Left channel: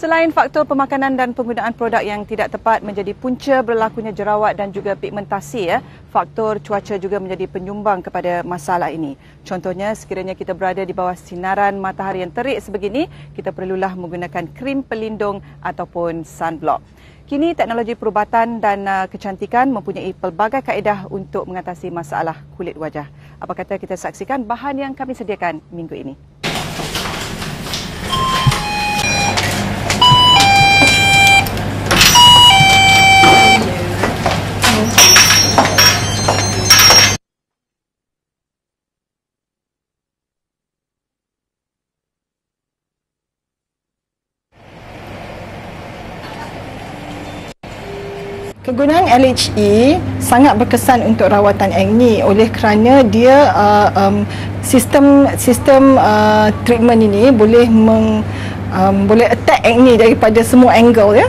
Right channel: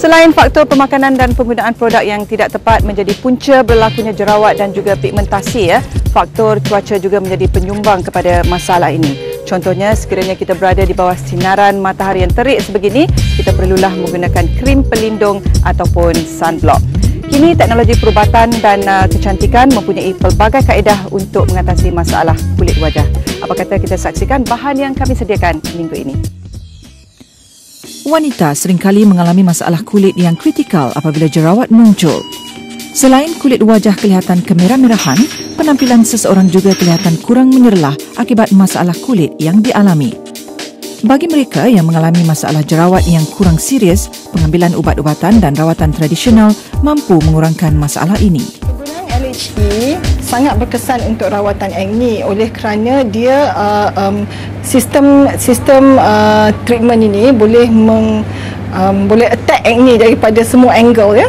Selain faktor pemakanan dan penggunaan produk yang tidak tepat menjadi punca berlakunya jerawat dan juga pigmentasi, faktor cuaca juga menjadi penyumbang kepada masalah ini. Contohnya, sekiranya kita berada di bawah sinaran matahari yang terik sebegini, kita perlulah menggunakan krim pelindung ataupun sunblock. Kini teknologi perubatan dan kecantikan mempunyai pelbagai kaedah untuk mengatasi masalah kulit wajah. Apa kata kita saksikan bahan yang kami sediakan minggu ini. Wanita seringkali mengalami masalah kulit yang kritikal apabila jerawat muncul. Selain kulit wajah kelihatan kemerah-merahan, penampilan seseorang juga kelihatan kurang menyerlah akibat masalah kulit yang dialami. Bagi mereka yang mengalami masalah jerawat yang kurang serius, pengambilan ubat-ubatan dan rawatan tradisional mampu mengurangkan masalah ini. Penggunaan LHE sangat berkesan untuk rawatan acne oleh kerana dia sistem treatment ini boleh boleh attack acne daripada semua angle, ya.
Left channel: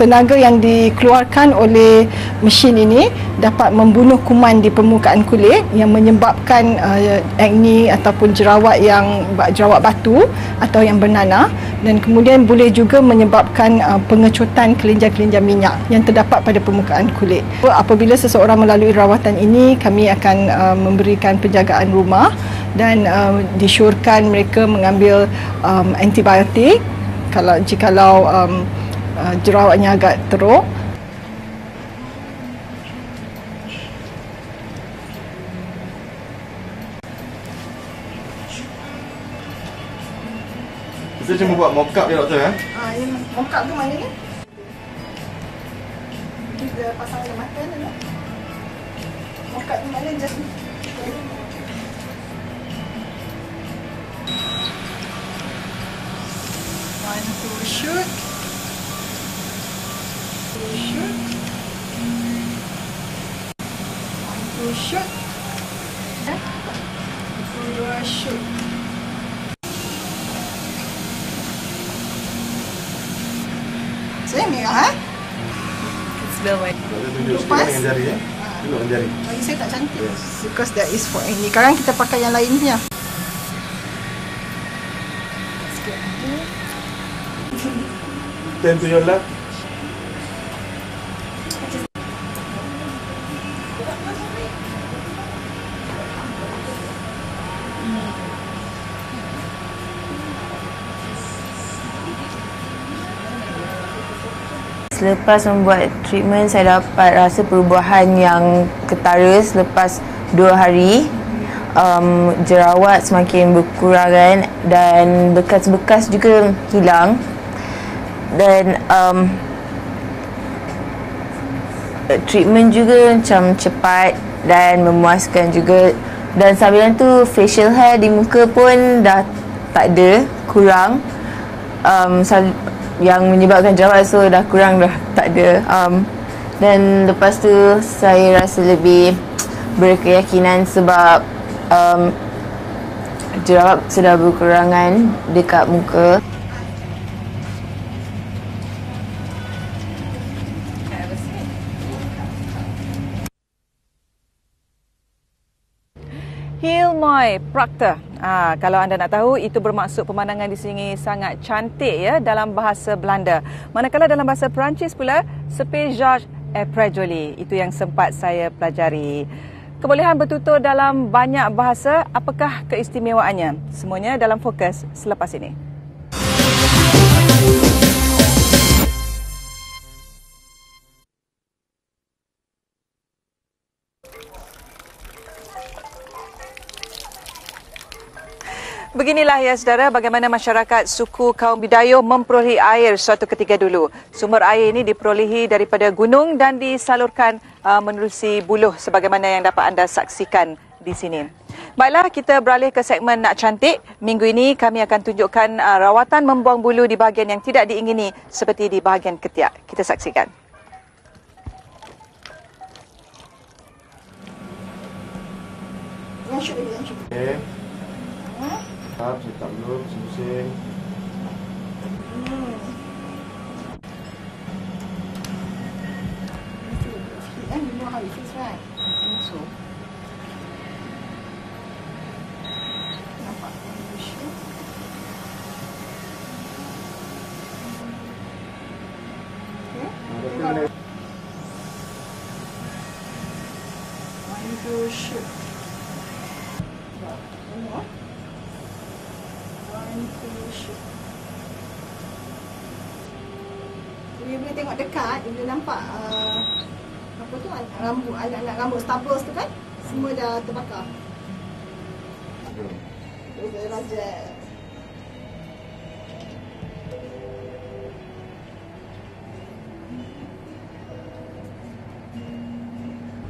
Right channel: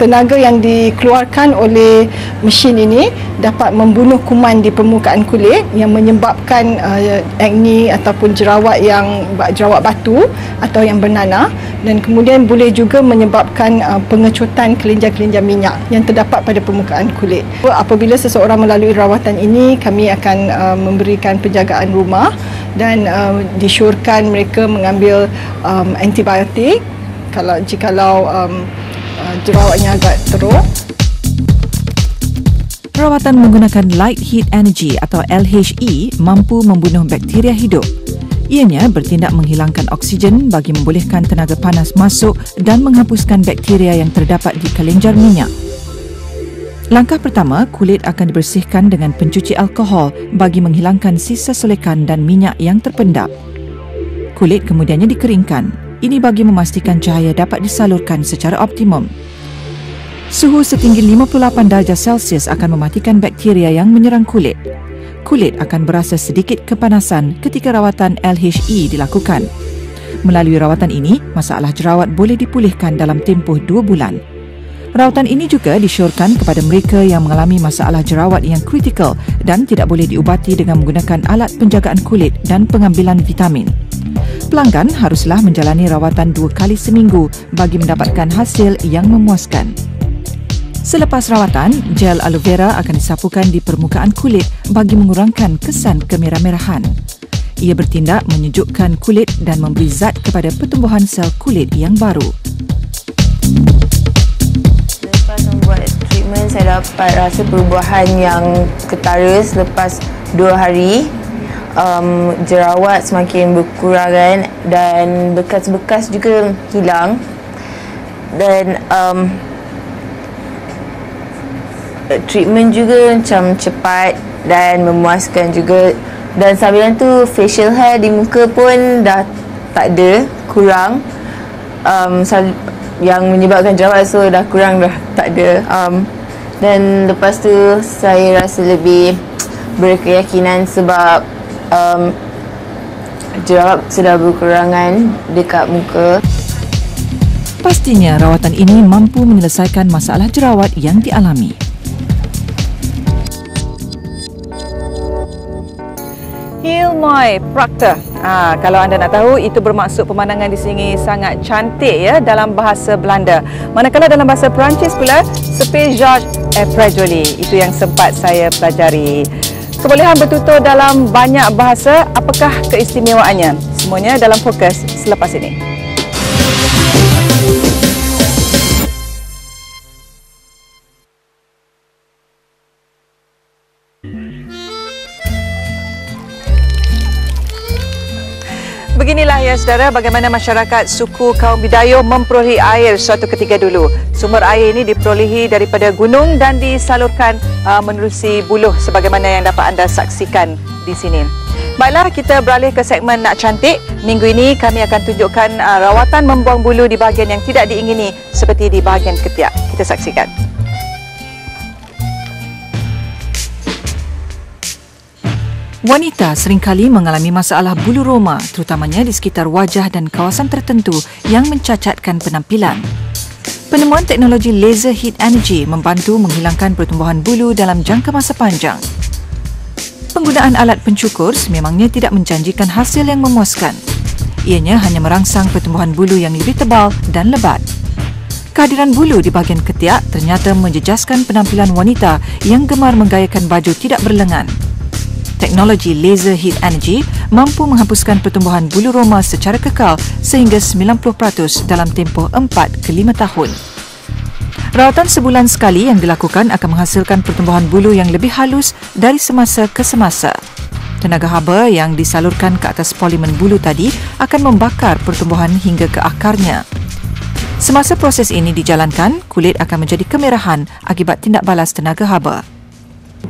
Tenaga yang dikeluarkan oleh mesin ini dapat membunuh kuman di permukaan kulit yang menyebabkan acne ataupun jerawat batu atau yang bernanah, dan kemudian boleh juga menyebabkan pengecutan kelenjar-kelenjar minyak yang terdapat pada permukaan kulit. Apabila seseorang melalui rawatan ini, kami akan memberikan penjagaan rumah dan disyorkan mereka mengambil antibiotik jikalau jerawatnya agak teruk. Rawatan menggunakan Light Heat Energy atau LHE mampu membunuh bakteria hidup. Ianya bertindak menghilangkan oksigen bagi membolehkan tenaga panas masuk dan menghapuskan bakteria yang terdapat di kelenjar minyak. Langkah pertama, kulit akan dibersihkan dengan pencuci alkohol bagi menghilangkan sisa solekan dan minyak yang terpendap. Kulit kemudiannya dikeringkan. Ini bagi memastikan cahaya dapat disalurkan secara optimum. Suhu setinggi 58 darjah Celsius akan mematikan bakteria yang menyerang kulit. Kulit akan berasa sedikit kepanasan ketika rawatan LHE dilakukan. Melalui rawatan ini, masalah jerawat boleh dipulihkan dalam tempoh 2 bulan. Rawatan ini juga disyorkan kepada mereka yang mengalami masalah jerawat yang kritikal dan tidak boleh diubati dengan menggunakan alat penjagaan kulit dan pengambilan vitamin. Pelanggan haruslah menjalani rawatan 2 kali seminggu bagi mendapatkan hasil yang memuaskan. Selepas rawatan, gel aloe vera akan disapukan di permukaan kulit bagi mengurangkan kesan kemerah-merahan. Ia bertindak menyejukkan kulit dan memberi zat kepada pertumbuhan sel kulit yang baru. Selepas membuat treatment, saya dapat rasa perubahan yang ketara selepas 2 hari. Jerawat semakin berkurangan dan bekas-bekas juga hilang, dan treatment juga macam cepat dan memuaskan juga, dan sambilan tu facial hair di muka pun dah tak ada, kurang, yang menyebabkan jerawat, so dah kurang, dah tak ada, dan lepas tu saya rasa lebih berkeyakinan sebab jerawat sudah berkurangan dekat muka. Pastinya rawatan ini mampu menyelesaikan masalah jerawat yang dialami. Hilmoy Proctor. Kalau anda nak tahu, itu bermaksud pemandangan di sini sangat cantik, ya, dalam bahasa Belanda. Manakala dalam bahasa Perancis pula, ce paysage est très joli. Itu yang sempat saya pelajari. Kebolehan bertutur dalam banyak bahasa, apakah keistimewaannya? Semuanya dalam fokus selepas ini. Beginilah, ya saudara, bagaimana masyarakat suku kaum Bidayuh memperolehi air suatu ketika dulu. Sumber air ini diperolehi daripada gunung dan disalurkan menerusi buluh sebagaimana yang dapat anda saksikan di sini. Baiklah, kita beralih ke segmen Nak Cantik. Minggu ini kami akan tunjukkan rawatan membuang bulu di bahagian yang tidak diingini seperti di bahagian ketiak. Kita saksikan. Wanita seringkali mengalami masalah bulu roma, terutamanya di sekitar wajah dan kawasan tertentu yang mencacatkan penampilan. Penemuan teknologi Laser Heat Energy membantu menghilangkan pertumbuhan bulu dalam jangka masa panjang. Penggunaan alat pencukur sememangnya tidak menjanjikan hasil yang memuaskan. Ianya hanya merangsang pertumbuhan bulu yang lebih tebal dan lebat. Kehadiran bulu di bahagian ketiak ternyata menjejaskan penampilan wanita yang gemar menggayakan baju tidak berlengan. Teknologi laser heat energy mampu menghapuskan pertumbuhan bulu roma secara kekal sehingga 90% dalam tempoh 4 ke 5 tahun. Rawatan sebulan sekali yang dilakukan akan menghasilkan pertumbuhan bulu yang lebih halus dari semasa ke semasa. Tenaga haba yang disalurkan ke atas polimen bulu tadi akan membakar pertumbuhan hingga ke akarnya. Semasa proses ini dijalankan, kulit akan menjadi kemerahan akibat tindak balas tenaga haba.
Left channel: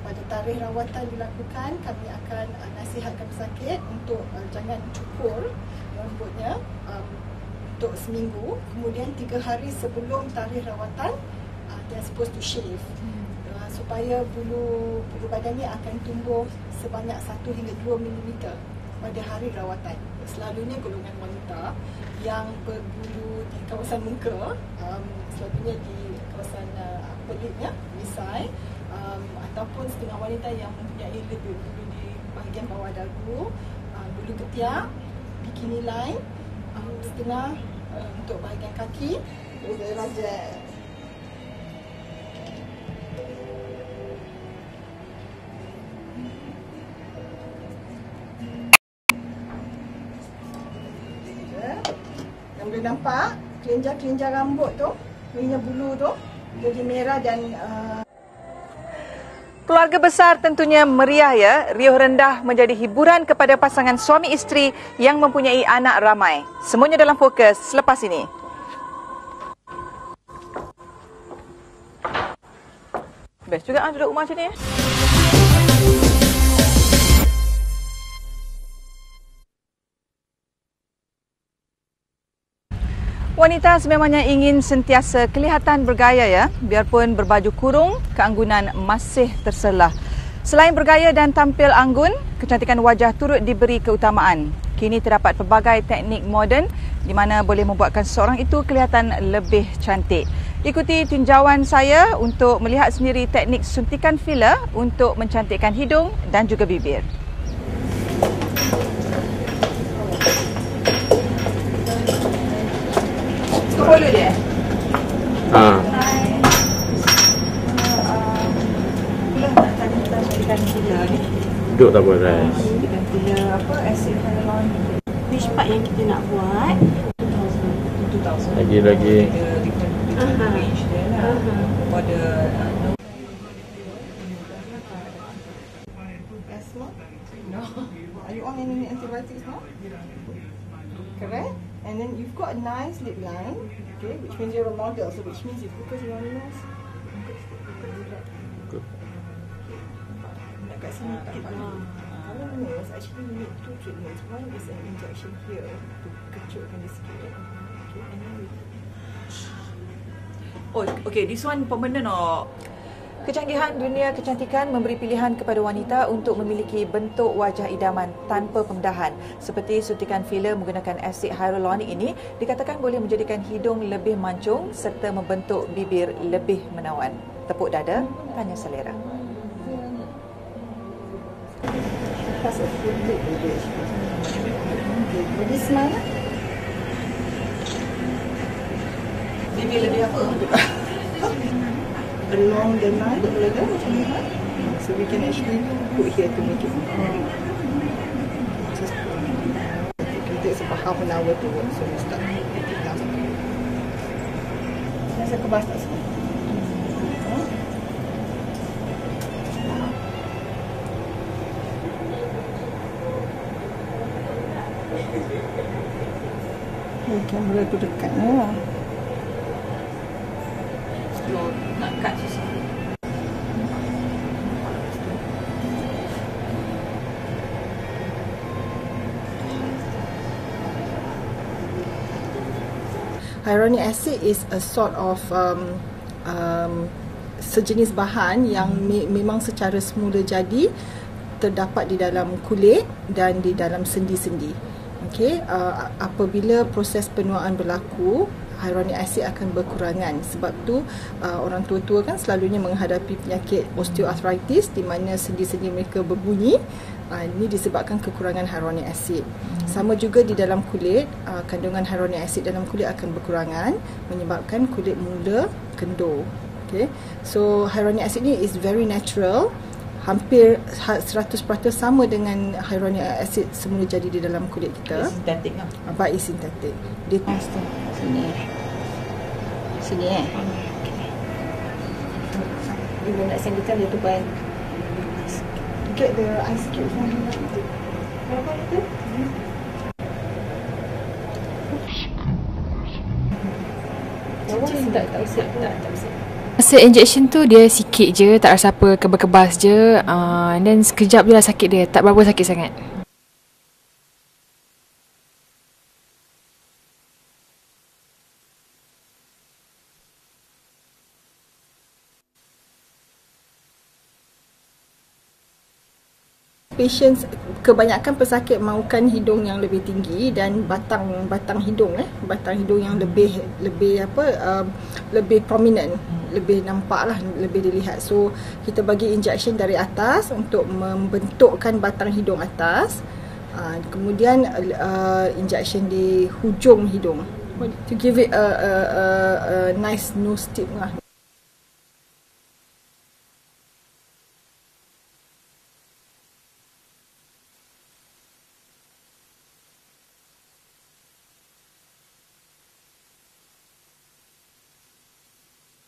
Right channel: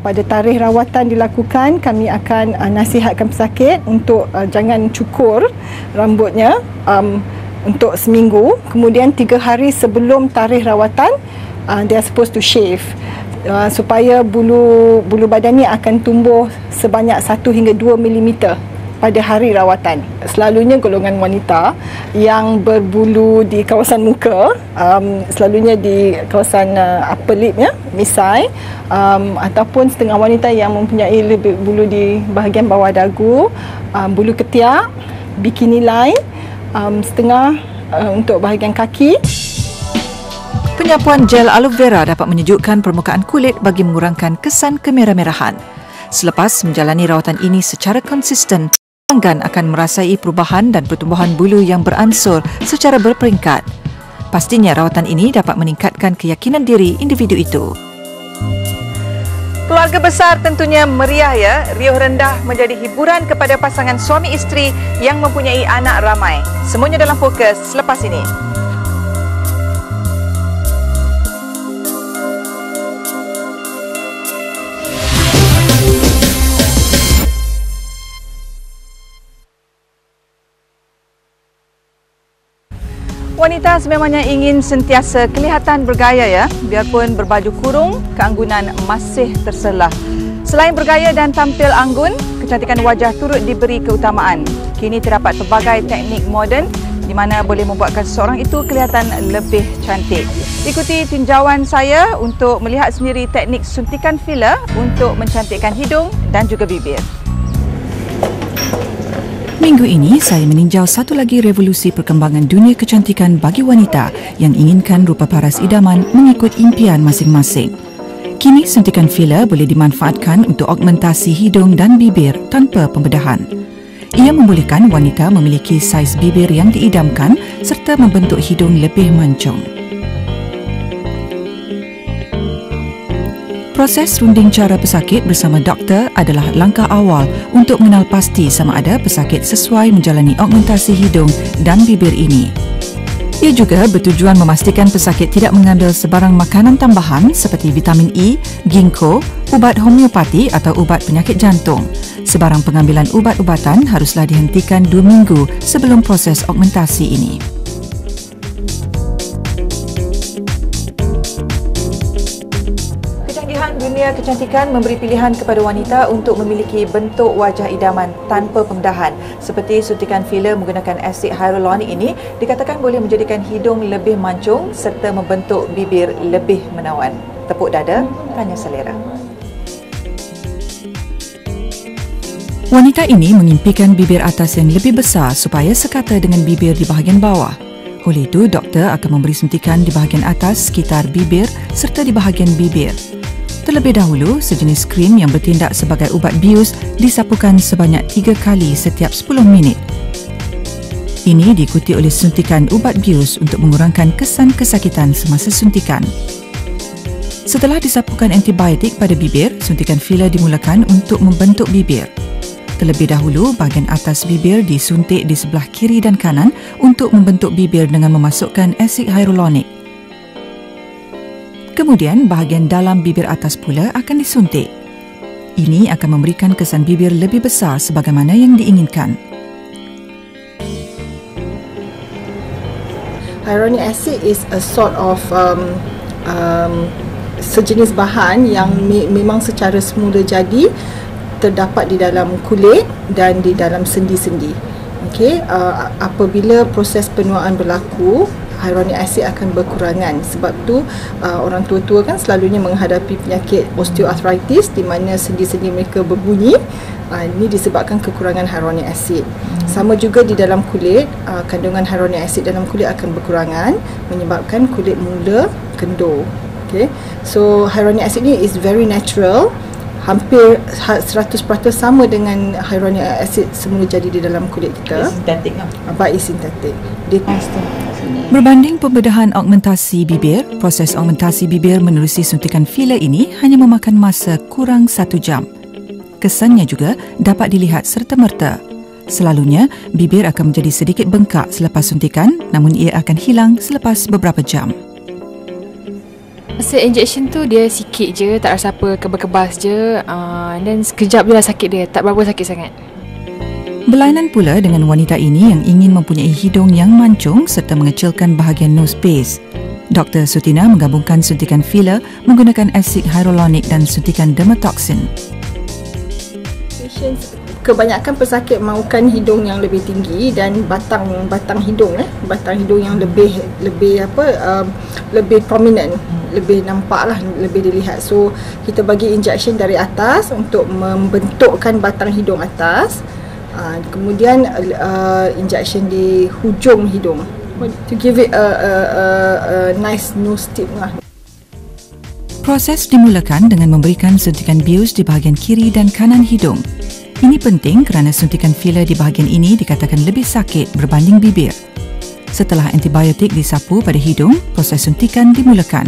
Pada tarikh rawatan dilakukan, kami akan nasihatkan pesakit untuk jangan cukur rambutnya untuk seminggu. Kemudian 3 hari sebelum tarikh rawatan, they are supposed to shave. Supaya bulu badan ni akan tumbuh sebanyak 1 hingga 2 mm pada hari rawatan. Selalunya golongan wanita yang berbulu di kawasan muka, selalunya di kawasan upper lip, misai, ataupun setengah wanita yang mempunyai lebih bulu di bahagian bawah dagu, bulu ketiak, bikini line, setengah untuk bahagian kaki. Penyapuan gel aloe vera dapat menyejukkan permukaan kulit bagi mengurangkan kesan kemerah-merahan. Selepas menjalani rawatan ini secara konsisten, pelanggan akan merasai perubahan dan pertumbuhan bulu yang beransur secara berperingkat. Pastinya rawatan ini dapat meningkatkan keyakinan diri individu itu. Keluarga besar tentunya meriah ya. Riuh rendah menjadi hiburan kepada pasangan suami isteri yang mempunyai anak ramai. Semuanya dalam fokus selepas ini. Best juga angkat rumah sini. Wanita sememangnya ingin sentiasa kelihatan bergaya ya, biarpun berbaju kurung, keanggunan masih terselah. Selain bergaya dan tampil anggun, kecantikan wajah turut diberi keutamaan. Kini terdapat pelbagai teknik moden di mana boleh membuatkan seseorang itu kelihatan lebih cantik. Ikuti tinjauan saya untuk melihat sendiri teknik suntikan filler untuk mencantikkan hidung dan juga bibir. Minggu ini, saya meninjau satu lagi revolusi perkembangan dunia kecantikan bagi wanita yang inginkan rupa paras idaman mengikut impian masing-masing. Kini, suntikan filler boleh dimanfaatkan untuk augmentasi hidung dan bibir tanpa pembedahan. Ia membolehkan wanita memiliki saiz bibir yang diidamkan serta membentuk hidung lebih mancung. Proses runding cara pesakit bersama doktor adalah langkah awal untuk mengenal pasti sama ada pesakit sesuai menjalani augmentasi hidung dan bibir ini. Ia juga bertujuan memastikan pesakit tidak mengambil sebarang makanan tambahan seperti vitamin E, ginkgo, ubat homeopati atau ubat penyakit jantung. Sebarang pengambilan ubat-ubatan haruslah dihentikan 2 minggu sebelum proses augmentasi ini. Kecanggihan dunia kecantikan memberi pilihan kepada wanita untuk memiliki bentuk wajah idaman tanpa pembedahan. Seperti suntikan filler menggunakan asid hyaluronic ini dikatakan boleh menjadikan hidung lebih mancung serta membentuk bibir lebih menawan. Tepuk dada, tanya selera. Wanita ini mengimpikan bibir atas yang lebih besar supaya sekata dengan bibir di bahagian bawah. Oleh itu, doktor akan memberi suntikan di bahagian atas sekitar bibir serta di bahagian bibir. Terlebih dahulu, sejenis krim yang bertindak sebagai ubat bius disapukan sebanyak 3 kali setiap 10 minit. Ini diikuti oleh suntikan ubat bius untuk mengurangkan kesan kesakitan semasa suntikan. Setelah disapukan antibiotik pada bibir, suntikan filler dimulakan untuk membentuk bibir. Terlebih dahulu, bahagian atas bibir disuntik di sebelah kiri dan kanan untuk membentuk bibir dengan memasukkan asid hyaluronic. Kemudian, bahagian dalam bibir atas pula akan disuntik. Ini akan memberikan kesan bibir lebih besar sebagaimana yang diinginkan. Hyaluronic acid is a sort of sejenis bahan yang memang secara semula jadi terdapat di dalam kulit dan di dalam sendi-sendi. Okey, apabila proses penuaan berlaku, hyaluronic acid akan berkurangan. Sebab tu orang tua-tua kan selalunya menghadapi penyakit osteoarthritis di mana sendi-sendi mereka berbunyi Ini disebabkan kekurangan hyaluronic acid. Sama juga di dalam kulit, kandungan hyaluronic acid dalam kulit akan berkurangan menyebabkan kulit mula kendur. Okay. So hyaluronic acid ni is very natural, hampir 100% sama dengan hyaluronic acid semula jadi di dalam kulit kita. Sintetik kan? But it's synthetic. Berbanding pembedahan augmentasi bibir, proses augmentasi bibir menerusi suntikan filler ini hanya memakan masa kurang 1 jam. Kesannya juga dapat dilihat serta-merta. Selalunya, bibir akan menjadi sedikit bengkak selepas suntikan, namun ia akan hilang selepas beberapa jam. Masa injection tu dia sikit je, tak rasa apa, kebas-kebas je, dan sekejap je sakit dia, tak berapa sakit sangat. Berlainan pula dengan wanita ini yang ingin mempunyai hidung yang mancung serta mengecilkan bahagian nose base. Dr. Sutina menggabungkan suntikan filler menggunakan asid hyaluronic dan suntikan dermatoxin. Patients kebanyakan pesakit mahukan hidung yang lebih tinggi dan batang hidung yang lebih prominent, lebih nampak lah, lebih dilihat. So kita bagi injection dari atas untuk membentukkan batang hidung atas, kemudian injection di hujung hidung to give it a nice nose tip lah. Proses dimulakan dengan memberikan suntikan bius di bahagian kiri dan kanan hidung. Ini penting kerana suntikan filler di bahagian ini dikatakan lebih sakit berbanding bibir. Setelah antibiotik disapu pada hidung, proses suntikan dimulakan.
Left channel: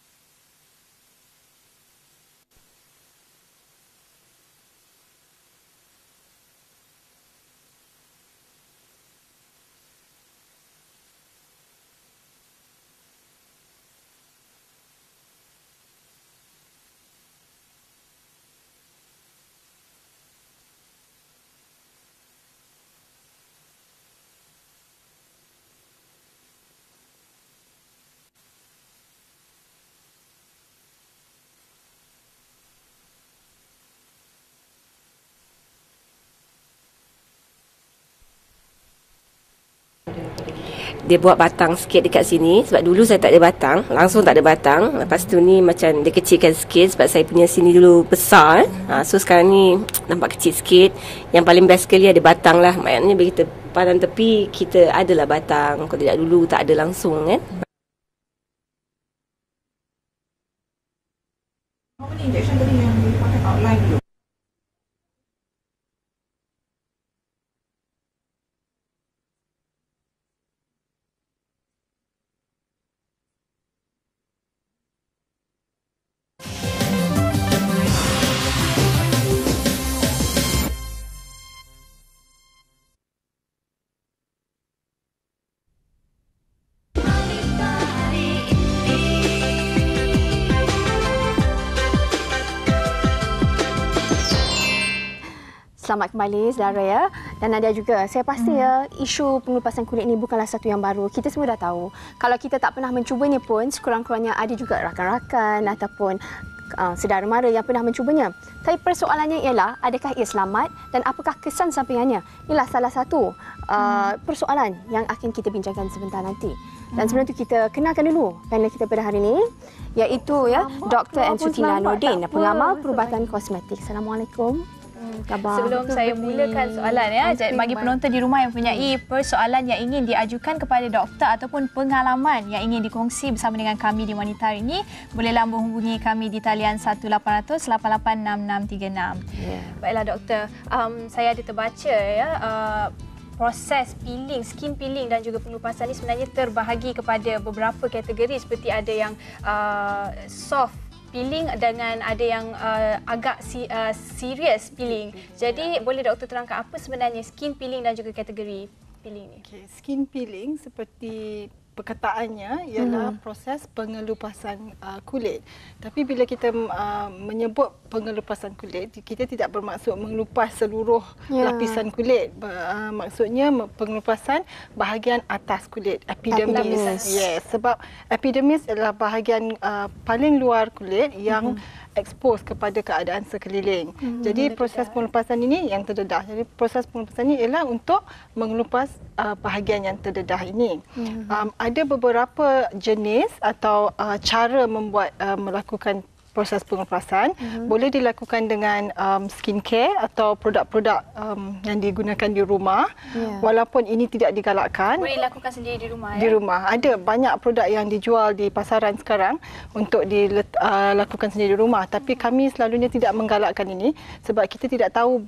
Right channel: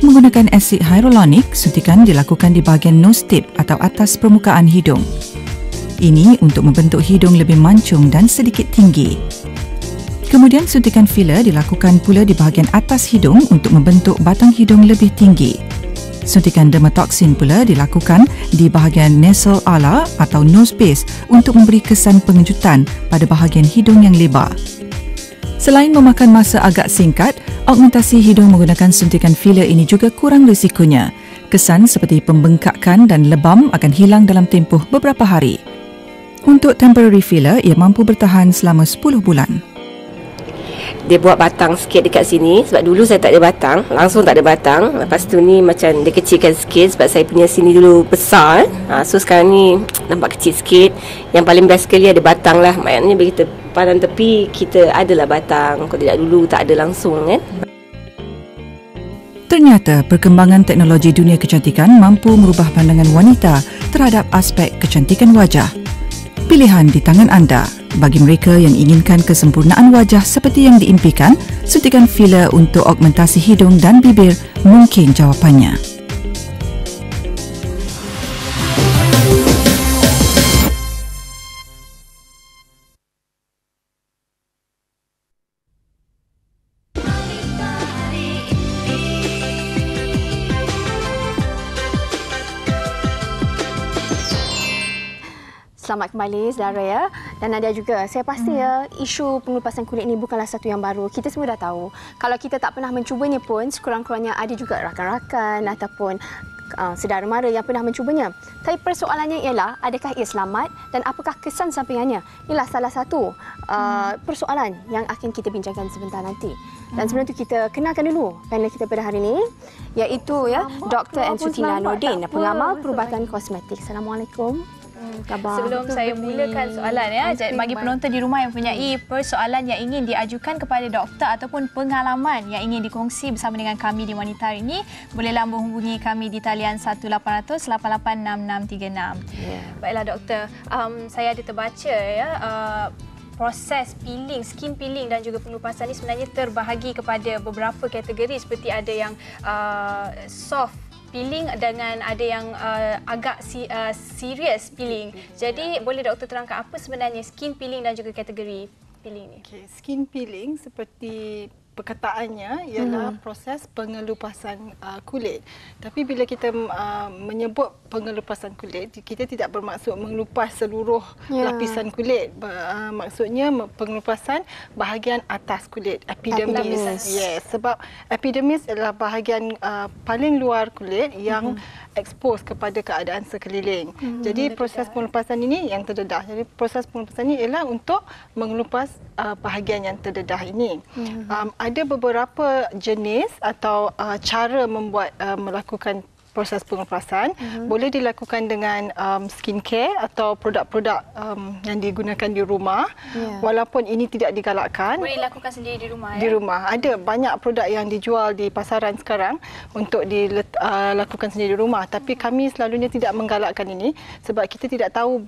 Menggunakan asid hyaluronic, suntikan dilakukan di bahagian nose tip atau atas permukaan hidung. Ini untuk membentuk hidung lebih mancung dan sedikit tinggi. Kemudian suntikan filler dilakukan pula di bahagian atas hidung untuk membentuk batang hidung lebih tinggi. Suntikan dermatoxin pula dilakukan di bahagian nasal ala atau nose base untuk memberi kesan pengejutan pada bahagian hidung yang lebar. Selain memakan masa agak singkat, augmentasi hidung menggunakan suntikan filler ini juga kurang risikonya. Kesan seperti pembengkakan dan lebam akan hilang dalam tempoh beberapa hari. Untuk temporary filler, ia mampu bertahan selama 10 bulan. Dia buat batang sikit dekat sini sebab dulu saya tak ada batang, langsung tak ada batang. Lepas tu ni macam dia kecilkan sikit sebab saya punya sini dulu besar. So sekarang ni nampak kecil sikit. Yang paling best sekali ada batang lah. Maknanya bila kita pandang tepi, kita adalah batang. Kalau tidak dulu tak ada langsung kan. Ternyata perkembangan teknologi dunia kecantikan mampu merubah pandangan wanita terhadap aspek kecantikan wajah. Pilihan di tangan anda. Bagi mereka yang inginkan kesempurnaan wajah seperti yang diimpikan, suntikan filler untuk augmentasi hidung dan bibir mungkin jawapannya. Selamat kembali saudara ya. Dan Nadia juga, saya pasti ya isu pengelupasan kulit ini bukanlah satu yang baru. Kita semua dah tahu. Kalau kita tak pernah mencubanya pun, sekurang-kurangnya ada juga rakan-rakan ataupun saudara mara yang pernah mencubanya. Tapi persoalannya ialah, adakah ia selamat dan apakah kesan sampingannya? Inilah salah satu persoalan yang akan kita bincangkan sebentar nanti. Dan sebelum itu kita kenalkan dulu panel kita pada hari ini, iaitu ya Dr. Sutina Nordin, pengamal perubatan kosmetik. Assalamualaikum. Sebelum saya mulakan soalan ya, bagi penonton di rumah yang mempunyai persoalan yang ingin diajukan kepada doktor ataupun pengalaman yang ingin dikongsi bersama dengan kami di Wanita hari ini, bolehlah menghubungi kami di talian 1800-886636. Baiklah doktor, saya ada terbaca ya, proses peeling, skin peeling dan juga pengelupasan ini sebenarnya terbahagi kepada beberapa kategori, seperti ada yang soft peeling dengan ada yang agak serious peeling. Jadi boleh doktor terangkan apa sebenarnya skin peeling dan juga kategori peeling ni? Okay. Skin peeling seperti perkataannya ialah proses pengelupasan kulit. Tapi bila kita menyebut pengelupasan kulit, kita tidak bermaksud mengelupas seluruh lapisan kulit. Maksudnya pengelupasan bahagian atas kulit, epidermis. Yes, sebab epidermis adalah bahagian paling luar kulit yang expose kepada keadaan sekeliling. Jadi proses pengelupasan ini yang terdedah. Jadi proses pengelupasan ini ialah untuk mengelupas bahagian yang terdedah ini. Ada beberapa jenis atau cara melakukan proses pengelupasan boleh dilakukan dengan skincare atau produk-produk yang digunakan di rumah. Walaupun ini tidak digalakkan. Boleh dilakukan sendiri di rumah. Di rumah. Ada banyak produk yang dijual di pasaran sekarang untuk dilakukan sendiri di rumah. Tapi kami selalunya tidak menggalakkan ini sebab kita tidak tahu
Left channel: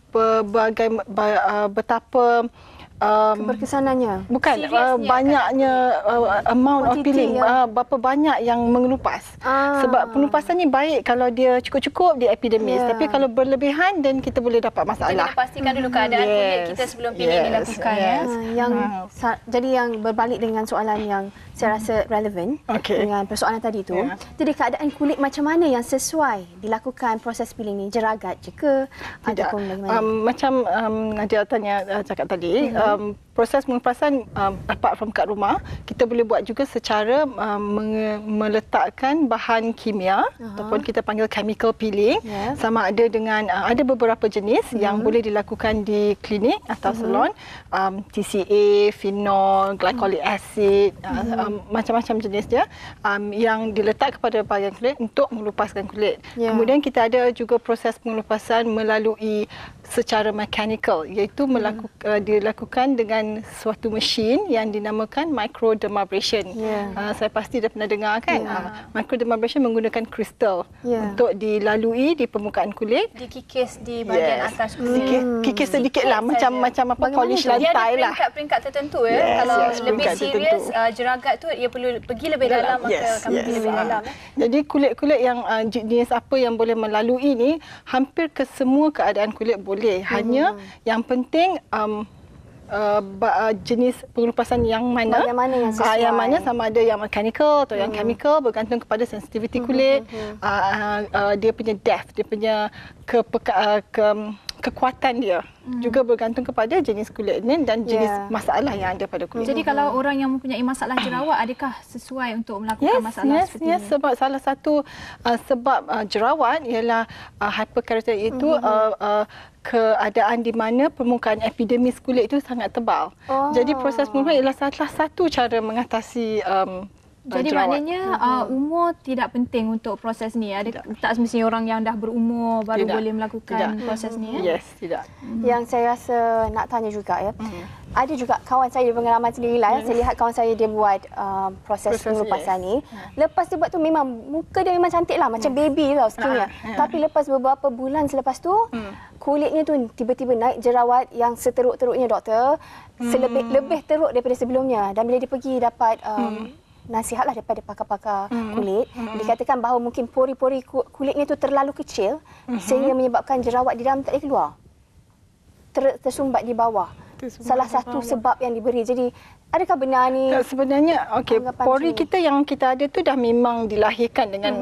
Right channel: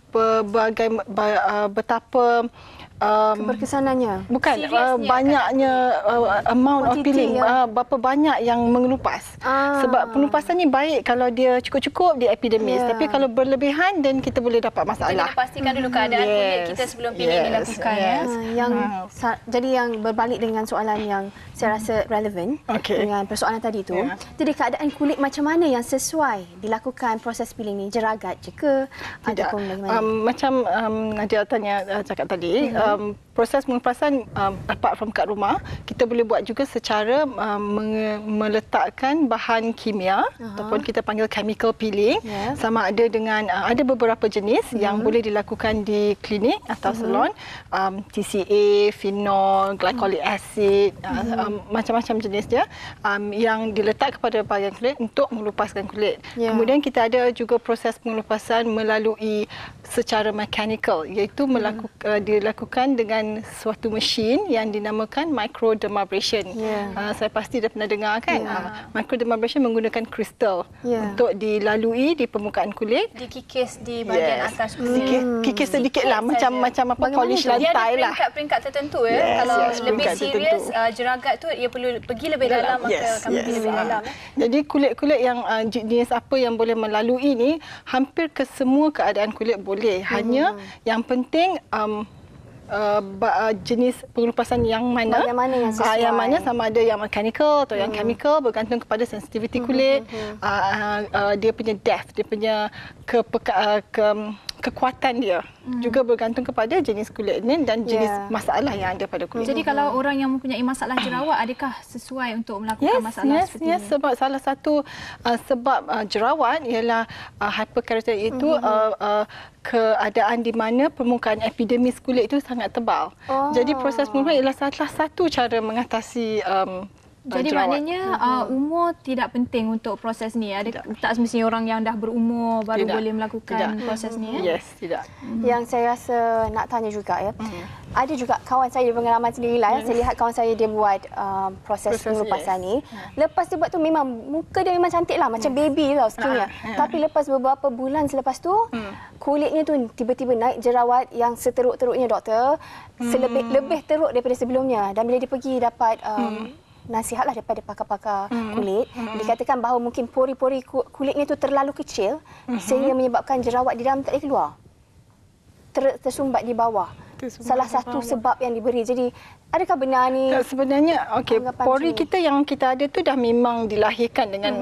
betapa keberkesanannya. Bukan banyaknya amount of peeling, berapa banyak yang mengelupas. Sebab pengelupasan ni baik kalau dia cukup-cukup di epidermis, tapi kalau berlebihan dan kita boleh dapat masalah. Kita pastikan dulu keadaan kulit kita sebelum peeling dilakukan. Jadi yang berbalik dengan soalan yang saya rasa relevan dengan persoalan tadi tu. Jadi keadaan kulit macam mana yang sesuai dilakukan proses peeling ni? Jeragat je ke ataupun bagaimana? Macam Nadia cakap tadi, proses pengelupasan apart from kat rumah, kita boleh buat juga secara meletakkan bahan kimia ataupun kita panggil chemical peeling. Sama ada dengan ada beberapa jenis yang boleh dilakukan di klinik atau salon, TCA, phenol, glycolic acid, macam-macam jenis dia yang diletak kepada bahagian kulit untuk mengelupaskan kulit. Kemudian kita ada juga proses pengelupasan melalui secara mechanical, iaitu dilakukan dengan suatu mesin yang dinamakan microdermabrasion. Saya pasti dah pernah dengar kan? Microdermabrasion menggunakan kristal untuk dilalui di permukaan kulit. Dikikis di bahagian atas kulit. Kikis sedikit lah, macam polish lantai lah. Dia ada peringkat tertentu kalau lebih serius jeragat tu ia perlu pergi lebih dalam, maka akan pergi lebih dalam. Jadi kulit-kulit yang jenis apa yang boleh melalui ni, hampir ke semua keadaan kulit boleh. Hanya yang penting jenis pengelupasan yang mana, yang sesuai. Yang mana sama ada yang mechanical atau yang chemical, bergantung kepada sensitivity kulit, dia punya depth, dia punya kekuatan dia juga bergantung kepada jenis kulit ni dan jenis masalah yang ada pada kulit. Jadi kalau orang yang mempunyai masalah jerawat, adakah sesuai untuk melakukan masalah seperti ini? Sebab salah satu sebab jerawat ialah hyperkeratosis itu keadaan di mana permukaan epidermis kulit itu sangat tebal. Jadi proses pengelupasan ialah salah satu cara mengatasi jadi jerawat. Maknanya umur tidak penting untuk proses ni. Tak semestinya orang yang dah berumur baru boleh melakukan proses ni. Yes, tidak. Yang saya rasa nak tanya juga ada juga kawan saya pengalaman sendirilah saya lihat kawan saya dia buat proses pengelupasan ni. Lepas dia buat tu memang muka dia memang cantik lah, macam baby tau skinnya. Tapi lepas beberapa bulan selepas tu kulitnya tu tiba-tiba naik jerawat yang seteruk-teruknya doktor. Lebih teruk daripada sebelumnya. Dan bila dia pergi dapat nasihatlah daripada pakar-pakar kulit, dikatakan bahawa mungkin pori-pori kulitnya itu terlalu kecil sehingga menyebabkan jerawat di dalam tak boleh keluar, tersumbat di bawah. Salah satu sebab yang diberi. Jadi adakah benar ni? Sebenarnya pori kita yang kita ada tu dah memang dilahirkan dengan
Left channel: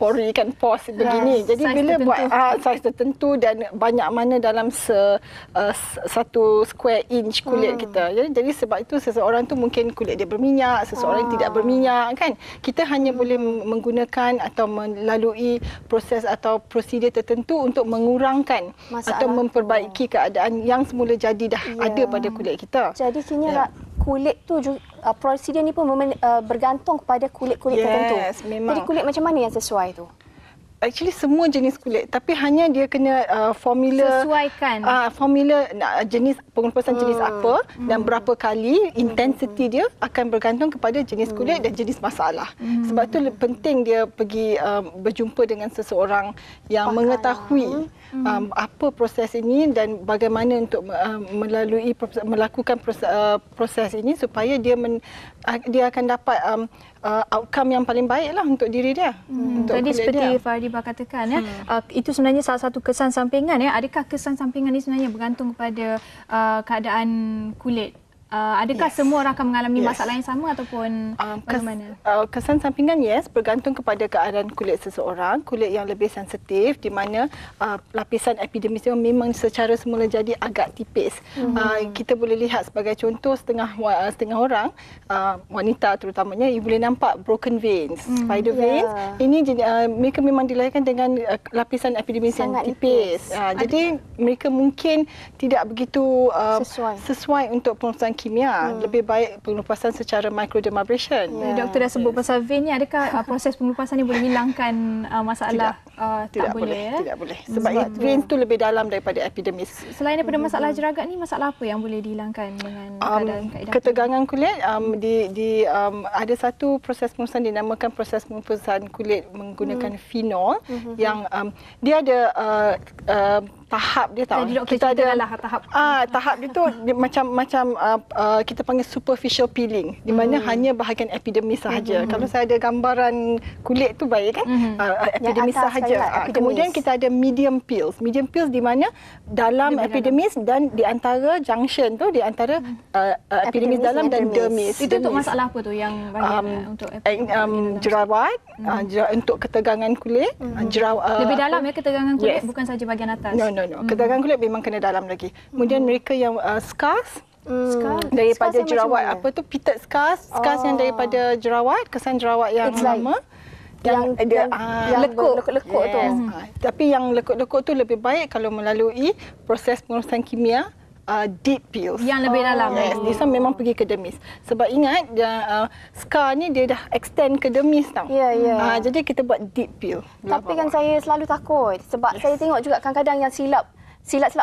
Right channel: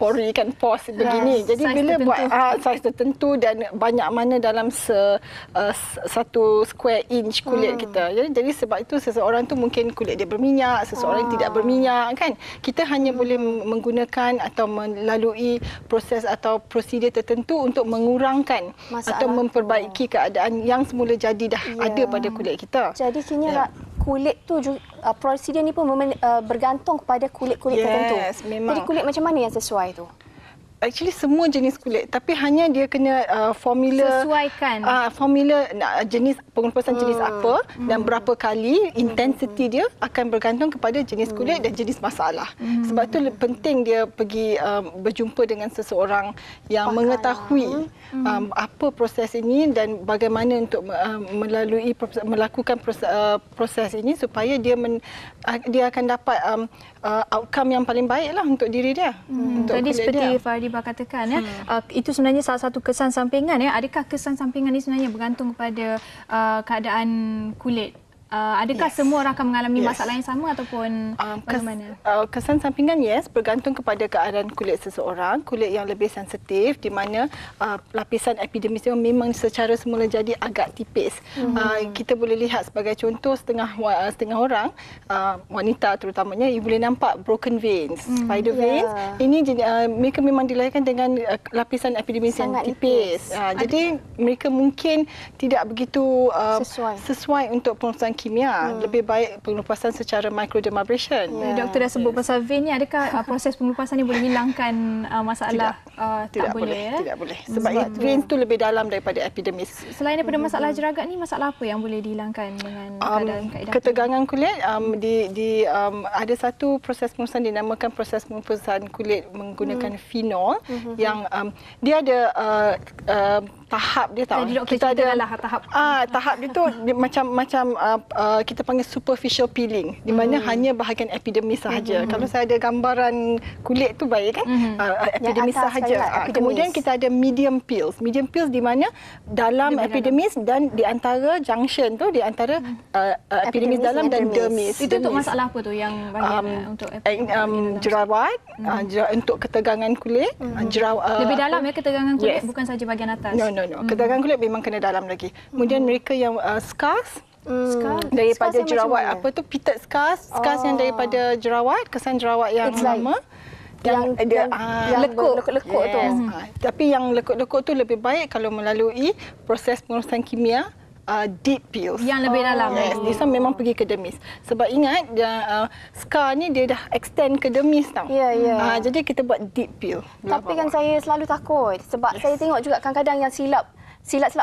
pori kan, pores begini. Jadi bila buat saiz tertentu dan banyak mana dalam satu square inch kulit kita. Jadi sebab itu seseorang tu mungkin kulit dia berminyak, seseorang tidak berminyak kan. Kita hanya boleh menggunakan atau melalui proses atau prosedur tertentu untuk mengurangkan atau memperbaiki keadaan yang semula jadi dah ada pada kulit kita. Jadi kini kulit tu prosedur ni pun bergantung kepada kulit-kulit tertentu. Memang. Jadi kulit macam mana yang sesuai tu? Actually semua jenis kulit, tapi hanya dia kena formula sesuaikan formula jenis pengelupasan jenis apa dan berapa kali intensity dia akan bergantung kepada jenis kulit dan jenis masalah. Sebab tu penting dia pergi berjumpa dengan seseorang yang mengetahui apa proses ini dan bagaimana untuk melakukan proses ini supaya dia akan dapat outcome yang paling baik lah untuk diri dia. Jadi seperti Fariba katakan itu sebenarnya salah satu kesan sampingan Adakah kesan sampingan ini sebenarnya bergantung kepada keadaan kulit? Adakah semua orang akan mengalami masalah yang sama ataupun bagaimana? Kesan sampingan bergantung kepada keadaan kulit seseorang. Kulit yang lebih sensitif di mana lapisan epidermis memang secara semula jadi agak tipis. Kita boleh lihat sebagai contoh setengah orang wanita terutamanya boleh nampak broken veins, spider veins. Ini mereka memang dilahirkan dengan lapisan epidermis yang tipis. Jadi mereka mungkin tidak begitu sesuai untuk pengelupasan kimia. Lebih baik pengelupasan secara microdermabrasion. Doktor dah sebut pasal vein ni, adakah proses pengelupasan ni boleh hilangkan masalah? Tidak boleh. Tidak boleh. Sebab vein tu lebih dalam daripada epidermis. Selain daripada masalah jeragat ni, masalah apa yang boleh dihilangkan dengan keadaan kaedah? Ketegangan kulit, ada satu proses pengurusan dinamakan proses pengurusan kulit menggunakan fenol yang dia ada tahap dia tahu. Kita ada tahap dia tu macam kita panggil superficial peeling, di mana hanya bahagian epidermis sahaja. Kalau saya ada gambaran kulit tu baik kan, epidermis sahaja. Kemudian kita ada medium peels. Medium peels di mana dalam epidermis dan di antara junction tu, di antara epidermis dalam dan dermis. Itu untuk masalah apa tu yang bahagian untuk jerawat, untuk ketegangan kulit, jerawat lebih dalam ya, ketegangan kulit, bukan saja bahagian atas. No. Ketegangan kulit memang kena dalam lagi. Kemudian mereka yang scars daripada scars jerawat, apa tu, pitted scars yang daripada jerawat, kesan jerawat yang lama. Yang lekuk-lekuk tu. Tapi yang lekuk-lekuk tu lebih baik kalau melalui proses pengurusan kimia, deep peels. Yang lebih dalam. This one memang pergi ke dermis. Sebab ingat, scar ni dia dah extend ke dermis tau. Jadi kita buat deep peel. Tapi kan saya selalu takut. Sebab saya tengok juga kadang-kadang yang silap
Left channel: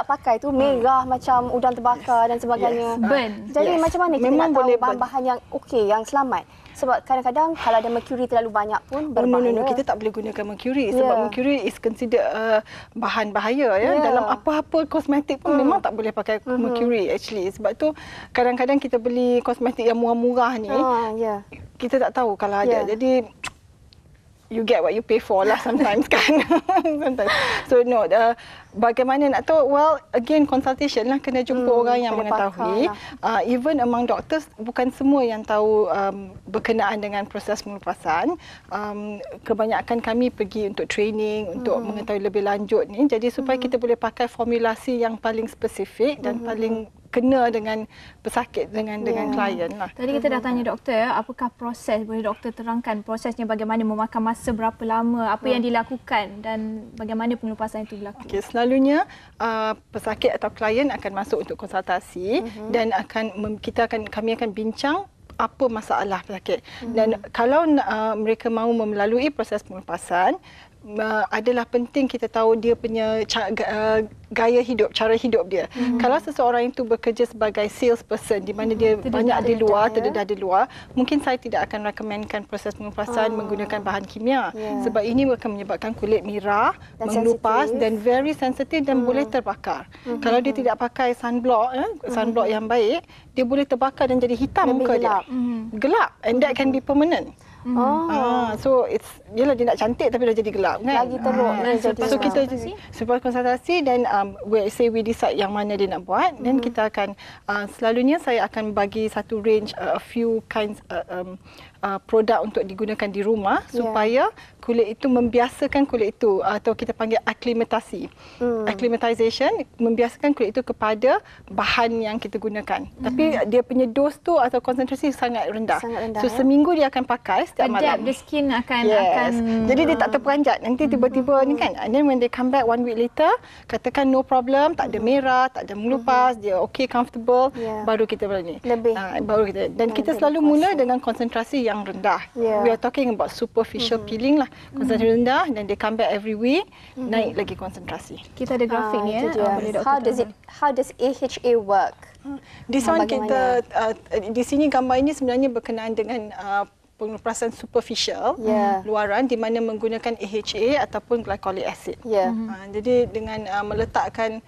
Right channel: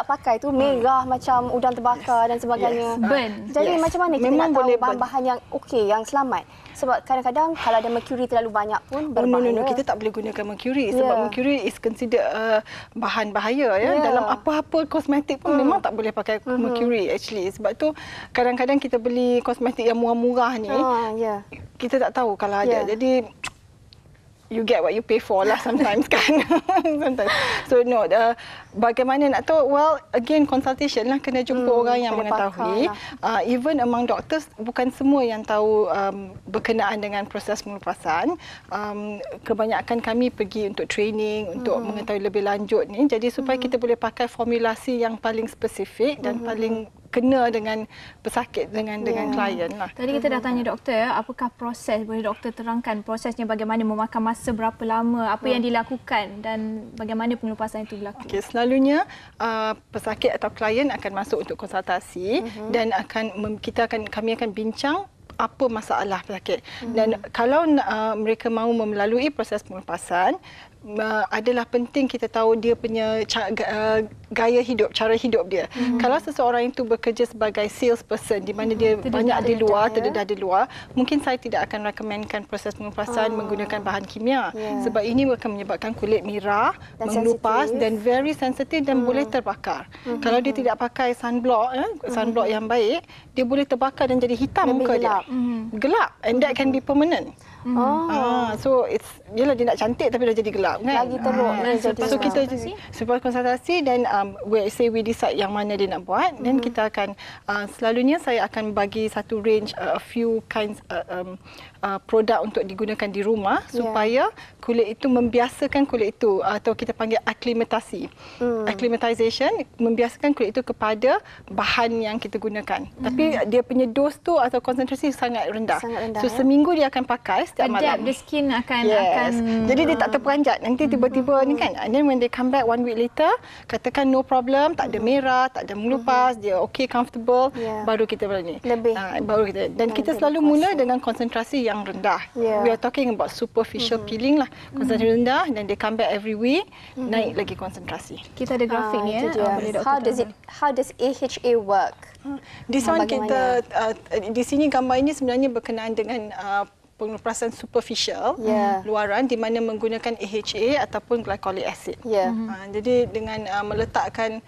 pakai tu merah macam udang terbakar dan sebagainya. Burn. Jadi macam mana kita nak tahu bahan-bahan yang okey, yang selamat? Sebab kadang-kadang kalau ada mercury terlalu banyak pun berbahaya. No. Kita tak boleh gunakan mercury sebab mercury is considered bahan bahaya ya. Dalam apa-apa kosmetik pun memang tak boleh pakai mercury actually. Sebab tu kadang-kadang kita beli kosmetik yang murah-murah ni, kita tak tahu kalau ada. Jadi you get what you pay for lah sometimes kan. So no, bagaimana nak tahu? Well, again consultation lah, kena jumpa orang yang mengetahui. Even among doctors, bukan semua yang tahu berkenaan dengan proses pengelupasan. Kebanyakan kami pergi untuk training, untuk mengetahui lebih lanjut ni. Jadi supaya kita boleh pakai formulasi yang paling spesifik dan paling kena dengan pesakit, dengan klien lah. Tadi kita dah tanya doktor, apakah proses, boleh doktor terangkan prosesnya, bagaimana, memakan masa berapa lama, apa yang dilakukan dan bagaimana pengelupasan itu berlaku? Okay, selalunya pesakit atau klien akan masuk untuk konsultasi dan kami akan bincang apa masalah pesakit. Dan kalau mereka mahu melalui proses pengelupasan, adalah penting kita tahu dia punya gaya hidup, cara hidup dia. Kalau seseorang itu bekerja sebagai salesperson di mana dia banyak terdedah di luar, mungkin saya tidak akan recommendkan proses pengelupasan menggunakan bahan kimia. Sebab ini akan menyebabkan kulit merah, mengelupas dan very sensitive dan boleh terbakar. Kalau dia tidak pakai sunblock yang baik, dia boleh terbakar dan jadi hitam muka dia. Gelap, and that can be permanent. So yelah, dia nak cantik tapi dah jadi gelap kan. Lagi teruk. So kita sebab konsultasi dan we decide yang mana dia nak buat, dan kita akan selalunya saya akan bagi satu range, a few kinds produk untuk digunakan di rumah supaya kulit itu membiasakan kulit itu, atau kita panggil aklimatasi. Acclimatization, membiasakan kulit itu kepada bahan yang kita gunakan. Tapi dia punya dos tu atau konsentrasi sangat rendah. So seminggu dia akan pakai setiap malam. The skin akan jadi dia tak terperanjat. Nanti tiba-tiba ni kan, and then when they come back 1 week later, katakan no problem, tak ada merah, tak ada mengelupas, dia okay, comfortable, baru kita berani. Baru kita, dan kita selalu mula dengan konsentrasi yang rendah. We are talking about superficial peeling lah. Konsentrasi rendah, dan they come back every week, naik lagi konsentrasi. Kita ada grafik ni How does AHA work? Di sini gambar ini sebenarnya berkenaan dengan pengelupasan superficial, luaran, di mana menggunakan AHA ataupun glycolic acid. Jadi dengan meletakkan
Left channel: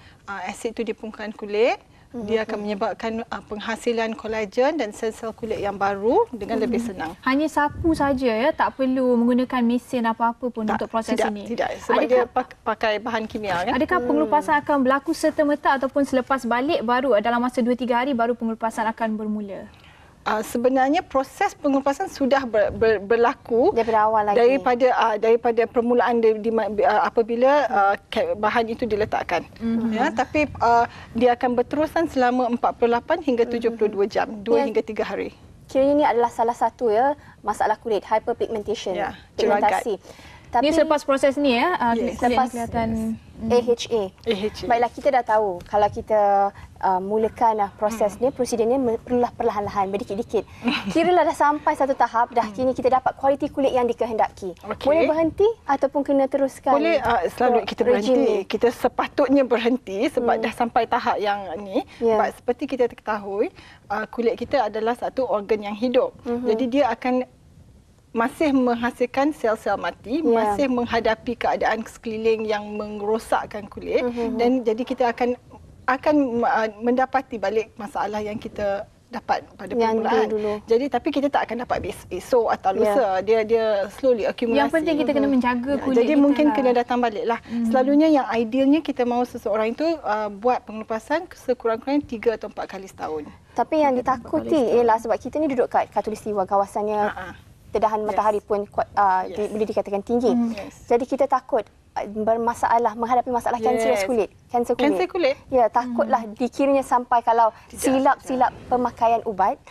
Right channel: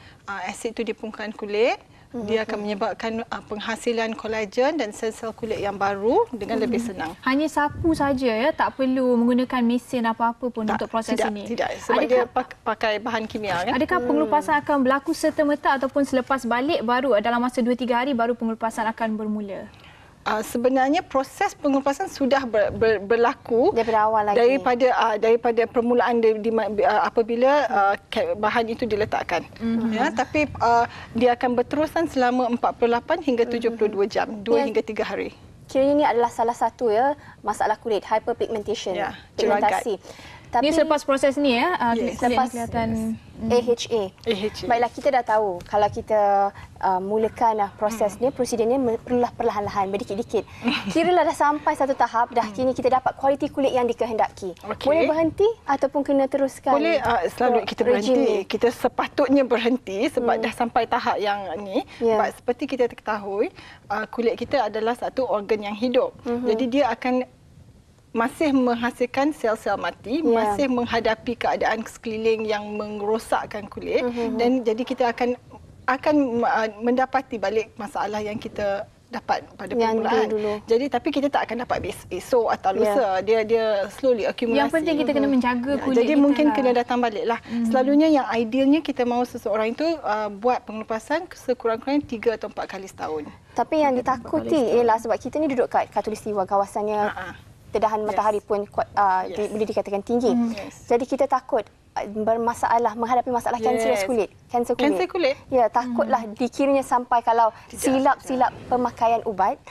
asid itu di permukaan kulit, dia akan menyebabkan penghasilan kolagen dan sel-sel kulit yang baru dengan lebih senang. Hanya sapu saja ya, tak perlu menggunakan mesin apa-apa pun untuk proses ini. Tidak, sebab dia pakai bahan kimia kan. Adakah pengelupasan akan berlaku serta-merta ataupun selepas balik baru dalam masa 2-3 hari baru pengelupasan akan bermula? Sebenarnya proses pengelupasan sudah berlaku daripada awal lagi, daripada permulaan apabila bahan itu diletakkan. Tapi dia akan berterusan selama 48 hingga 72 jam, 2 hingga 3 hari. Kiranya ini adalah salah satu masalah kulit, hyperpigmentation, pigmentasi. Ini selepas proses ni ya, kulit selepas kelihatan AHA. Baiklah, kita dah tahu kalau kita mulakan proses ni, prosedurnya perlulah perlahan-lahan, berdikit-dikit. Kiralah dah sampai satu tahap, dah kini kita dapat kualiti kulit yang dikehendaki. Boleh berhenti ataupun kena teruskan? Boleh, selalu kita berhenti. Kita sepatutnya berhenti sebab dah sampai tahap yang ni. Sebab seperti kita ketahui, kulit kita adalah satu organ yang hidup. Jadi dia akan masih menghasilkan sel-sel mati, masih menghadapi keadaan sekeliling yang merosakkan kulit, dan jadi kita akan mendapati balik masalah yang kita dapat pada permulaan. Jadi tapi kita tak akan dapat esok atau lusa. Dia slowly akumulasi. Yang penting kita kena menjaga kulit. Jadi kita mungkin kena datang balik lah. Selalunya yang idealnya kita mahu seseorang itu buat pengelupasan sekurang-kurangnya 3 atau 4 kali setahun. Tapi yang ditakuti ialah sebab kita ni duduk kat khatulistiwa, kawasannya tedahan matahari pun boleh dikatakan tinggi. Jadi kita takut bermasalah, menghadapi masalah kanser kulit. Kanser kulit. Ya, takutlah dikiranya sampai kalau silap-silap pemakaian ubat,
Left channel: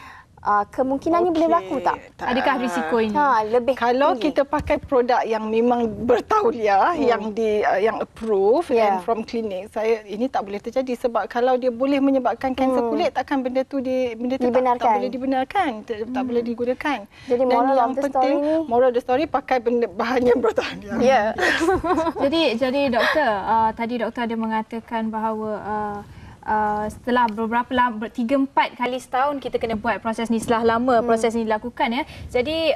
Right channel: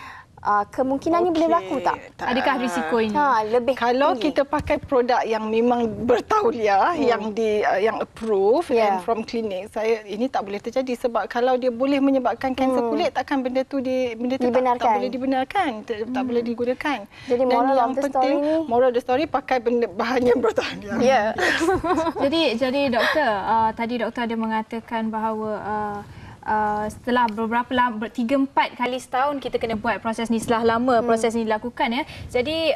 kemungkinannya boleh berlaku tak? Adakah risiko ini? Lebih kalau tinggi. kita pakai produk yang memang bertauliah, yang approved and from clinic, ini tak boleh terjadi sebab kalau dia boleh menyebabkan kanser kulit, takkan benda tu tak boleh dibenarkan, tak boleh digunakan. Jadi moral of the story pakai bahan yang bertauliah. Jadi doktor, tadi doktor ada mengatakan bahawa setelah beberapa 3-4 kali setahun kita kena buat proses ni, setelah lama proses ni dilakukan ya. Jadi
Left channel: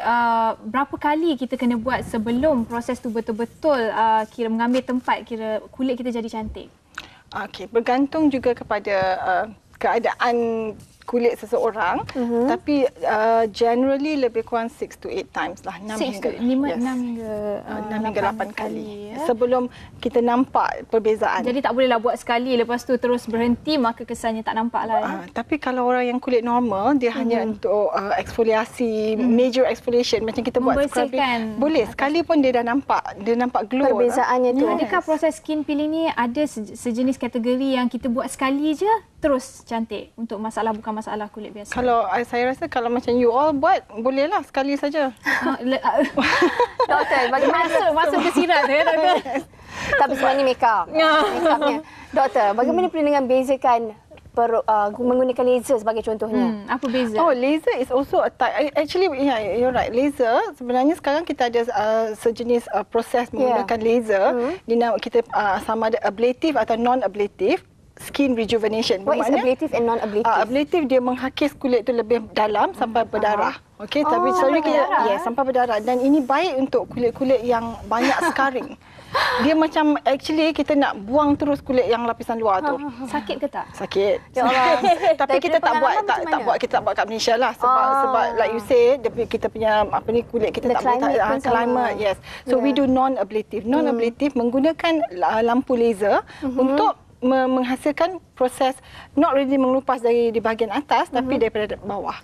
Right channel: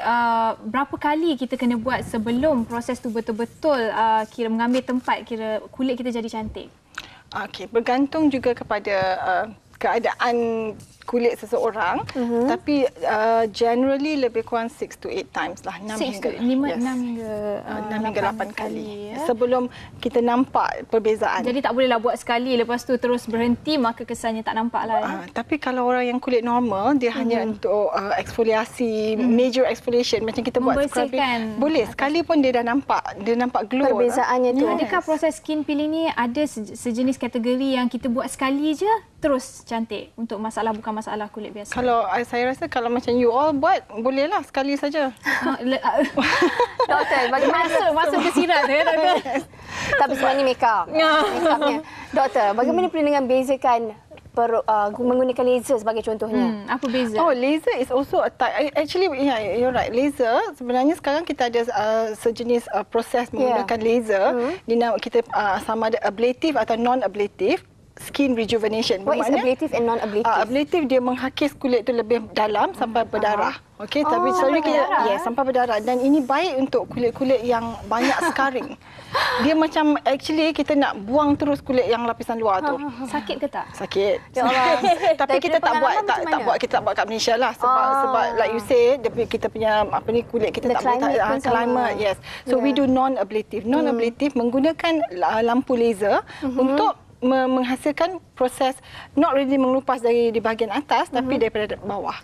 berapa kali kita kena buat sebelum proses tu betul-betul kira mengambil tempat, kira kulit kita jadi cantik? Okey, bergantung juga kepada keadaan kulit seseorang, tapi generally lebih kurang 6 to 8 times lah, 6 hingga 8 kali ya, sebelum kita nampak perbezaan. Jadi tak bolehlah buat sekali lepas tu terus berhenti, maka kesannya tak nampak lah ya. Tapi kalau orang yang kulit normal, dia hanya untuk eksfoliasi, major exfoliation macam kita buat scrubbing, boleh sekali pun dia dah nampak glow perbezaannya tu. Adakah proses skin peeling ni ada sejenis kategori yang kita buat sekali je terus cantik untuk bukan masalah kulit biasa? Kalau saya rasa kalau macam you all buat, bolehlah sekali saja. Doktor, bagaimana masuk ke sirat ya doktor? Tapi sebenarnya makeupnya. Doktor, bagaimana perlu dengan bezakan menggunakan laser sebagai contohnya? Apa beza? Laser is also a type. Actually, you're right. Laser sebenarnya sekarang kita ada sejenis proses menggunakan laser. Kita sama ada ablative atau non-ablative skin rejuvenation. What is ablative and non-ablative? Ablative dia menghakis kulit tu lebih dalam sampai berdarah. Okey, tapi selalunya kita sampai berdarah, dan ini baik untuk kulit-kulit yang banyak scarring. Dia macam actually kita nak buang terus kulit yang lapisan luar tu. Sakit ke tak? Sakit. Ya Allah. Tapi kita tak buat kat Malaysia lah sebab like you say kita punya kulit kita tak boleh climate. Yes. So we do non-ablative. Non-ablative menggunakan lampu laser untuk menghasilkan proses not really mengelupas dari di bahagian atas tapi daripada bawah.